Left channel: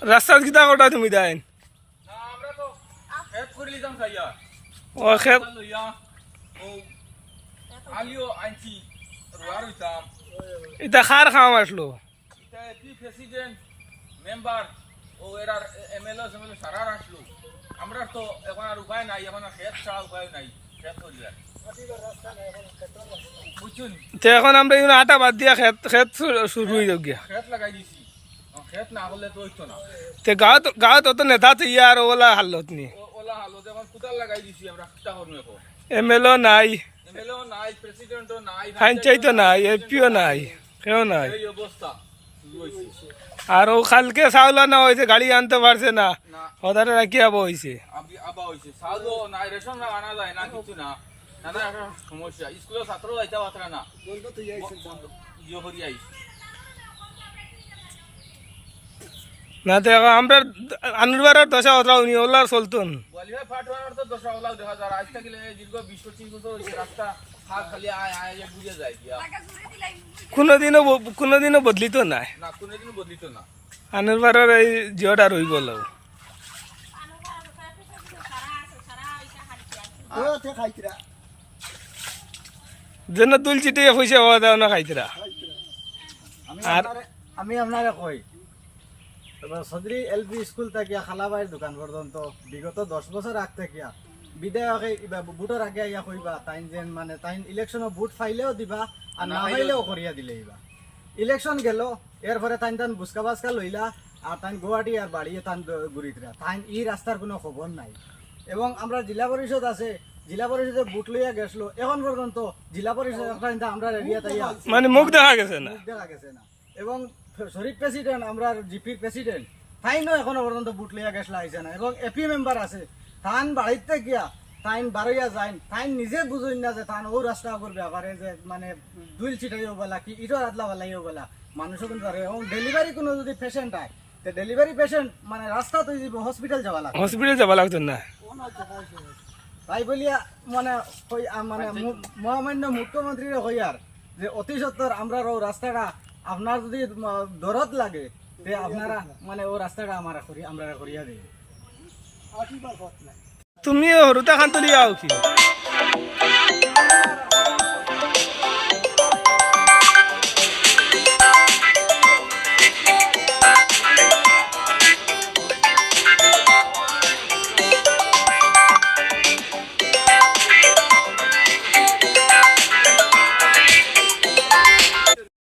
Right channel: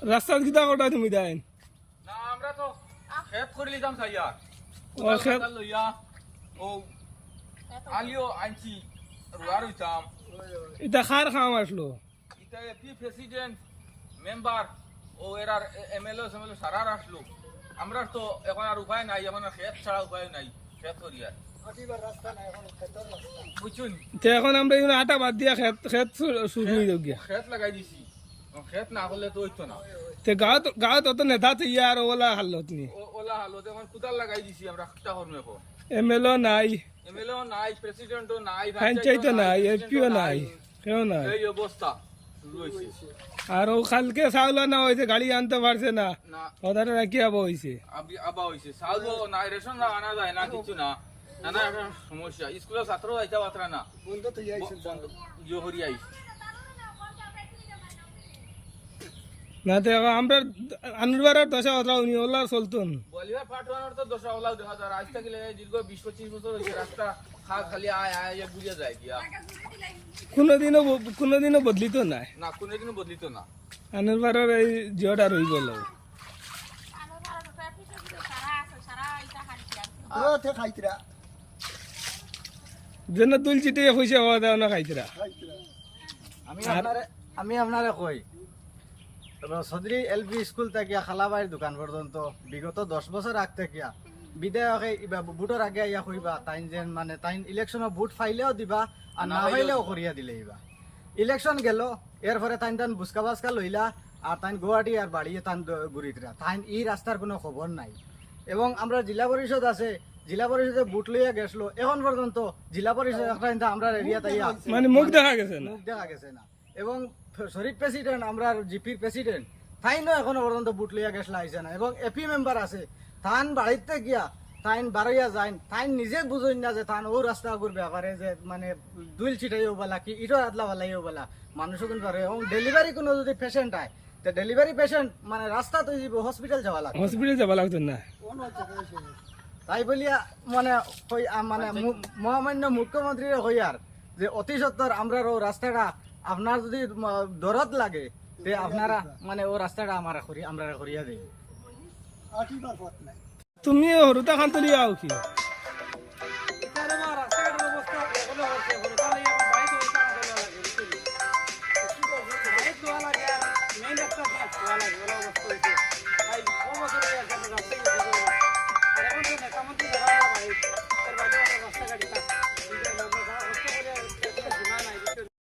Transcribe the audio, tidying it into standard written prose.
রাস্তা কিতা কটা তুমি দেন না আমরা তো খেত করে লিতাম খাইয়া ও খেত লইয়া ও আলিও আনছি রোয়ার হইতাম এটা খার খাওয়া আসলো এটা এপি প্রেসিডেন্ট মেম্বার ও এরার এমএলএ সারার আসলো আমরা তো এখন আর উপায় নাই এখন আর খেত ছাড়া উপায় নাই খেত করিয়া বুঝছুন তো এখন আমরা এখানে আটা বাদ দিয়া খেত খেত শুরু হয়ে যাও গিয়া খেত লাগাই দিছি খেত না হলে তো হইতো না তে গাঁত অত নেতা তো ইয়ার ওলা হালত নি ওলা হালো এখন কুতাল লাগাই দিছি আমরা কিটা করবো এখন এমএলও নাই এমএলএও নাই প্রেসিডেন্টও নাই পঞ্চায়েতও নাই এপিও নাই কেউ নাই এই অবস্থা শুরু হইছে আর ও কালকে চাউল না হয়েছে গাড়ি আনতে পারছে না না ওদারে রাখি আবো হয়েছে আবা হইছে চাউলও না রেশন আনা যায় না কিছু না নানা একটা সমস্যা স্কুলের ছাত্র যাইতে পারে না বন্ধ তো ইয়ে হরি আইছে না তো এখন আমরা আনুরবারের দশা ওরা উনি ওলার চলতুন বলিয়া ফাটওয়ার তো দশা ওলাও দেখা যায় আজ থেকে দীর্ঘ 20-25 বছর হইছে রাস্তা খালি আয় আয় ঘুরিয়ে যায় গিয়া কোনোদিনও বদলিত নাই না কোনোদিনও বদলিত না আনুরবারের এই জিওটা রই বলো যেন তুল চিটিয়ে পয়সা হওয়া দেওয়া না খাইতরা আমি আপনারে কই সদরি এলপি স্কুল থেকে খালাবাড়ির দোকান পর্যন্ত বিগত 10 বছর আগ থেকে বিধায়কে ভোটের আগে ইয়া কইবা তাই যেন মানে তাই ইলেকশনে ভোট ফাইলেও দিবা আর না ফাইলেও করিয়া দিলে ইবা ইলেকশন গেল এরপরে তাই বুসকা বাসকা লইলা আর তাই গুয়াহাটি আর বাড়িয়ে তান ঘুরিতরা তাই এই রাস্তার কোনো খবর নাই এবং আমরা জেলা পরিষদ আছে জেলা পরিষদে ভোট লইয়া গেছিল এখন পর্যন্ত জেলা পরিষদ একটা আমরা এরিয়া তাই মানে মুখ দেখা গেছে না দেখা গেছে না এবং শরীফ প্রেসিডেন্ট আমরা জিপির প্রেসিডেন্ট তাই না এখনো পর্যন্ত বুট লইয়া গেছলা আইছে না এবং এপি মেম্বার আছে তান বাড়িতে গিয়া তাইন বারইয়া যাইন তাইন নিজে বুঝুন না যে তান ও রাস্তা করবে আবারে যে মানে দুইল ছিটাইও বলা কি ইটো আদলা বলাইও বলা মানুষও কিন্তু পারে এবং ডেলিভারি কোনো যদি পেশেন্ট আয় তো ডেলিভারি পেশেন্ট মানে রাস্তা তো হসপিটাল যাওয়া লাগে হসপিটাল যাবা লাগতো না তাই বলিয়া মানে মানে মহামান্য মুখ্যমন্ত্রীর হইয়ার যে অতি সত্তর আমরা ও রাস্তাটা আপনার যদি দরদ লাগে তে আপনারা মানে ও রাস্তাটা আমরা করিয়া দিই তুমি হরুতা খান তুলি আও কি